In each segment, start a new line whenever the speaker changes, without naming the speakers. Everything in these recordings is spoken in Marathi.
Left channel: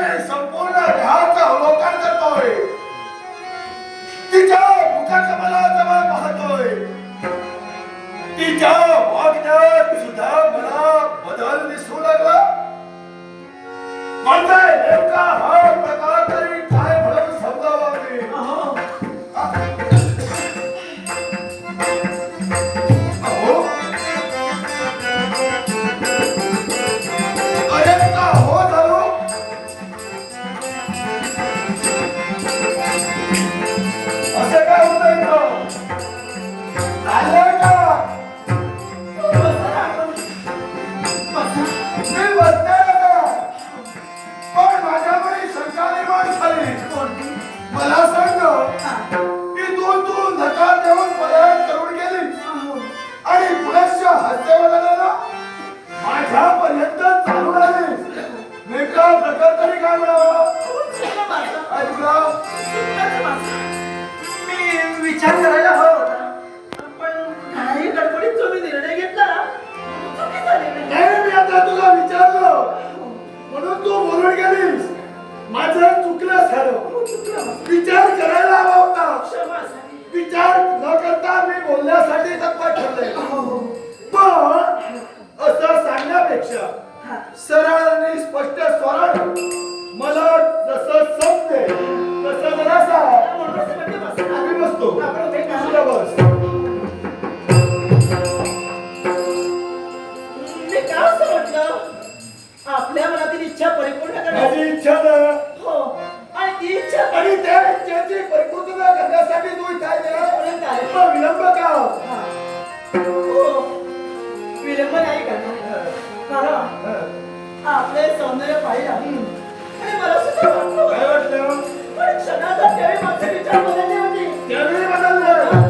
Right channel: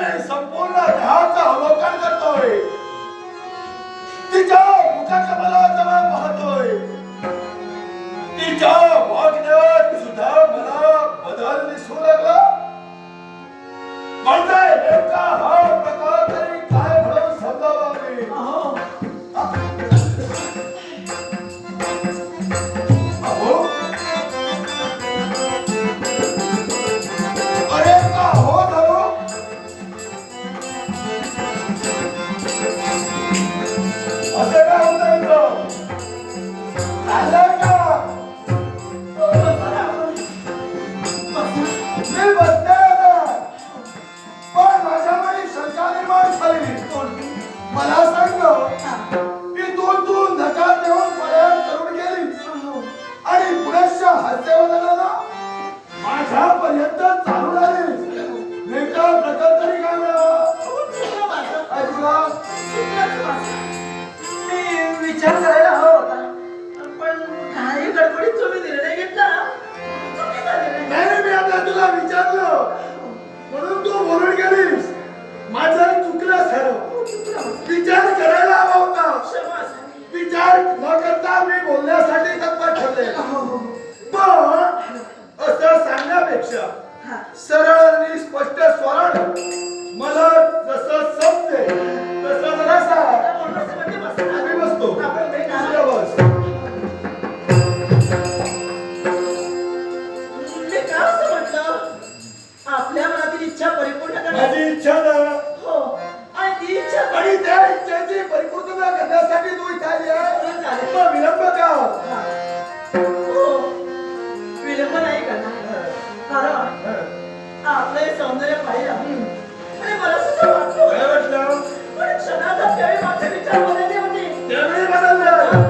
नाही संपूर्ण जहाचं अवलोकन करतोय. तिच्या मुखाकमला जवळ पाहतोय. तिच्या वागण्यात सुद्धा मला बदल दिसू लागला. म्हणताय नेमका हा
विचार करायला हवा होता. पण काही गडबडीत तुम्ही निर्णय घेतला. चुकीचा
नाही मी आता तुला विचारलं. म्हणून तू बोलून गेलीस. माझं चुकलं सर्व विचार करायला हवा होता. विचार न करता मी बोलण्यासाठी तत्पर ठरले.
हो, हो. इच्छा हो. आणि ती इच्छा
आणि त्या इच्छेची परिपूर्तता करण्यासाठी तू इथे आली आहे. विलंब का?
हो. हो. विलंब नाही करणार. आपलं आपले सौंदर्य पाहिजे आणि मला सुद्धा वाटलं.
काय वाटलं?
पण क्षणाचा त्यावेळी माझे विचार बदलले होते.
त्यावेळी बदललं.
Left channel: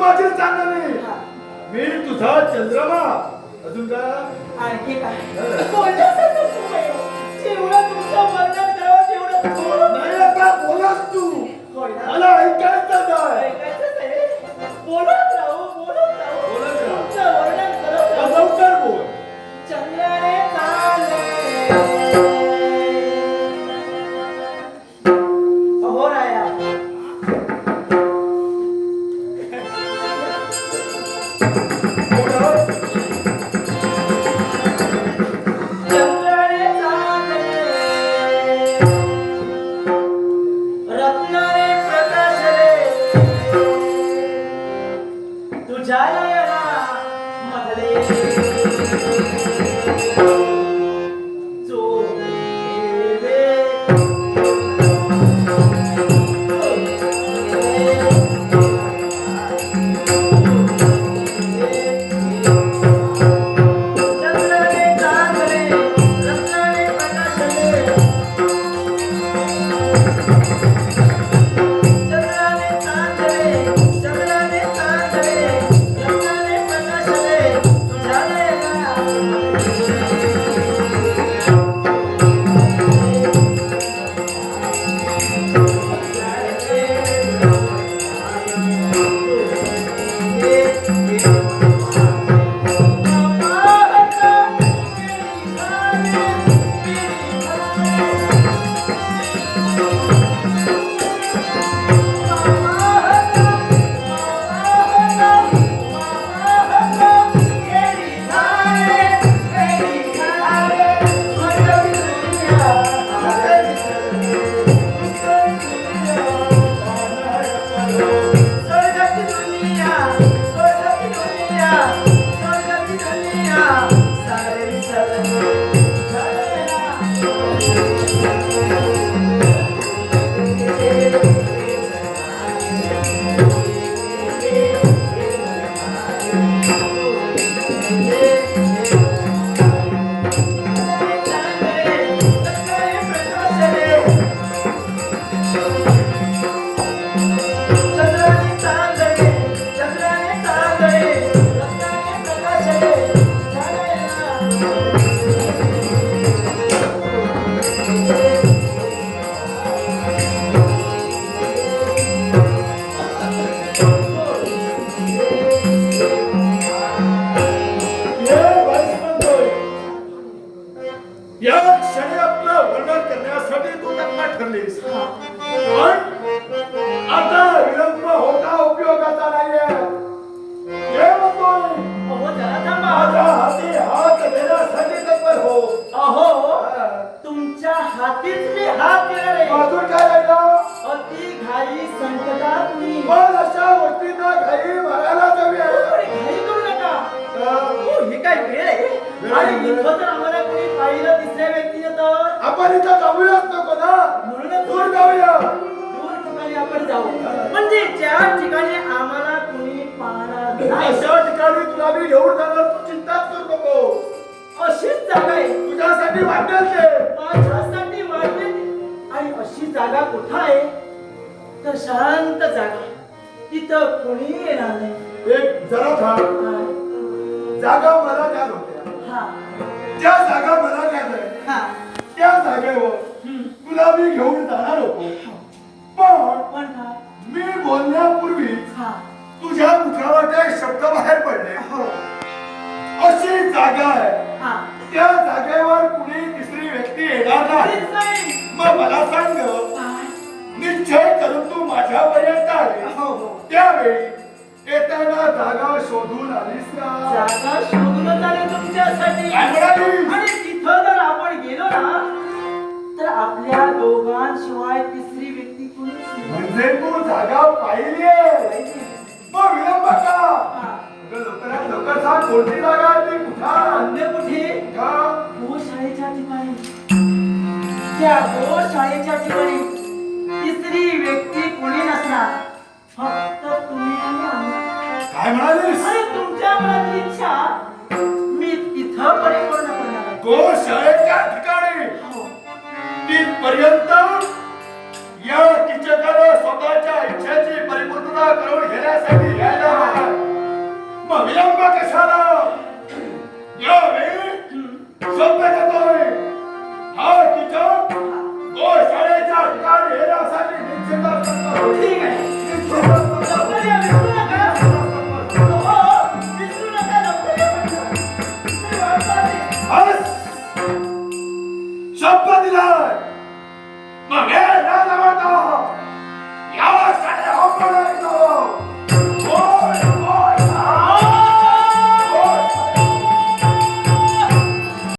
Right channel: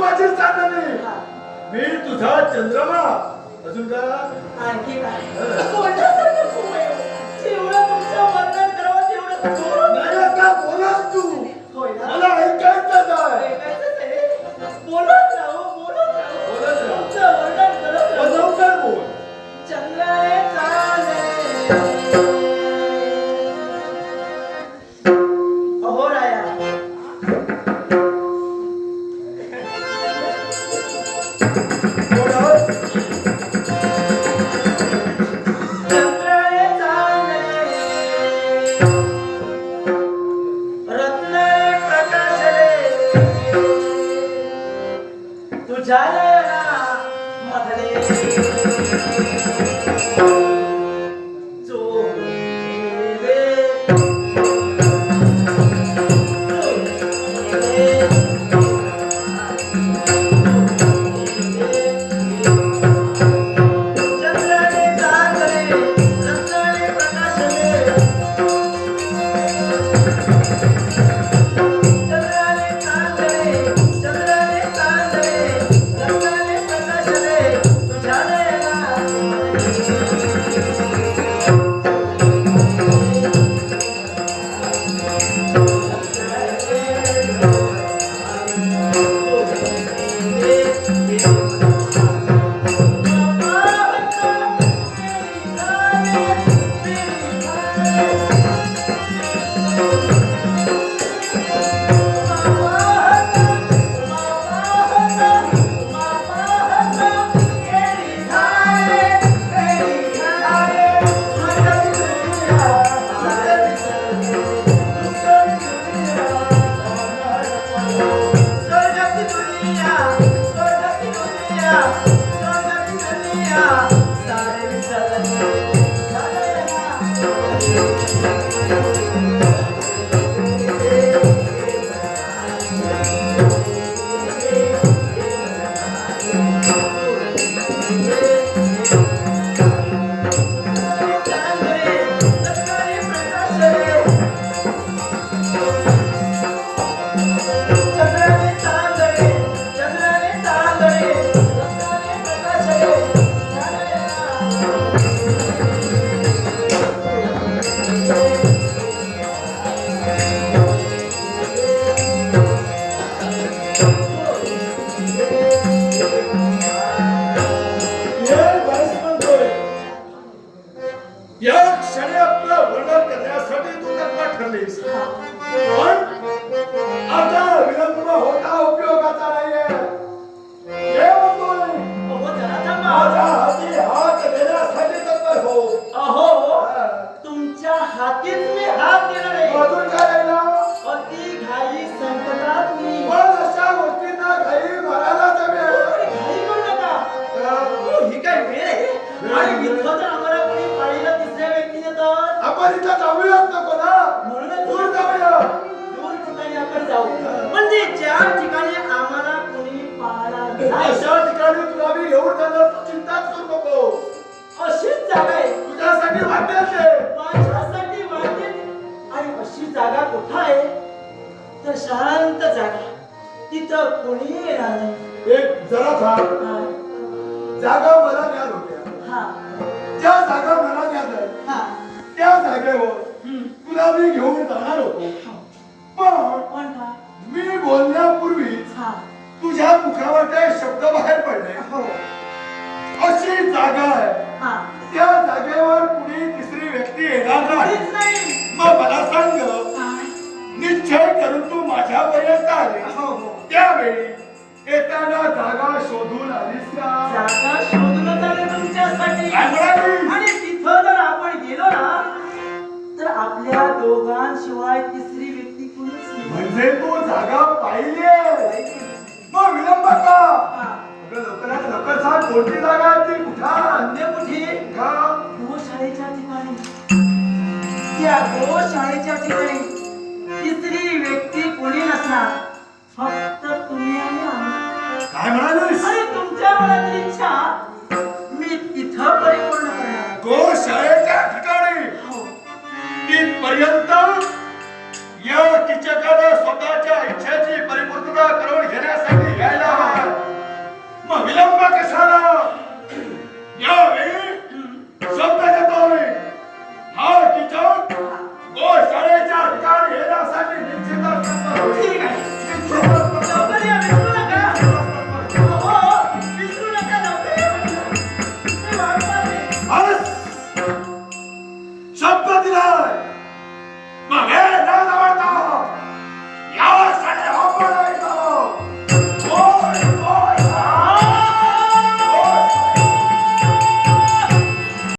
माझी चांदणी. मी तुझा चंद्रमा. अजून का?
आणखी काय. जेवढं तुमचं वर्णन करावं तेवढं
नाही आता बोलस तू. मला ऐकायचं आहे.
बोलत राहू बोलत राहू.
बोलत राहू.
तुमचं वर्णन करत राहू.
लवकर बोल.
चंद्राने चालले तुझ्या
Thank you. या क्षणी आपलं वर्णन करण्यासाठी तू त्यांना ठरलीस. अशा
ठिकाणी
तुला मी घेऊन जाणार तू चिंताच करू नको.
अशीच जागा आहे.
तुझ्यासाठी वाटेल ते.
माझ्यासाठी वाटेल. आणि अशी जागा कुठं आहे? तर शांत जागा. तिथं कोणी येणार नाही.
एक जरा थांब. जागा मला ज्ञान होत्या
हा.
त्या जागा मला ज्ञान त्यावेळी येताना जागा शोधून आलीस का?
जागा शोधूनच आले तुमच्यासाठी.
काय म्हणाली?
आणि तिथं जर आपण गेलो ना तर आपल्या दोघांशिवाय तिसरी व्यक्ती कोणीच नाही.
म्हणजे तू जागा पाहिली आहे. मग विलंब का?
हा.
अगं लवकरात लवकर सांग कोणती जागा आहे ती? कुठा?
अन्य कुठे?
का?
गोशाळेच्या ठिकाणी. त्या गोशाळेच्या ठिकाणी तिसरी व्यक्ती कोणी नसणार. फक्त
काय म्हणालीस?
आणि तुमच्या मनातली इच्छा मी तिथं परिपूर्ण करणार
गो शाळेच्या ठिकाणी.
हो.
तिथपर्यंत या कीचकानं स्वतःच्या इच्छेची परिपूर्तता करून घेण्यासाठी यायला हवं. मग विलंब कशाला? यावेळी शब्द देतो मी हा कीचक गोशाळेच्या ठिकाणी येण्यासाठी निश्चितच करतो.
ठीक आहे.
निश्चितच करतो.
लवकर या विष्णू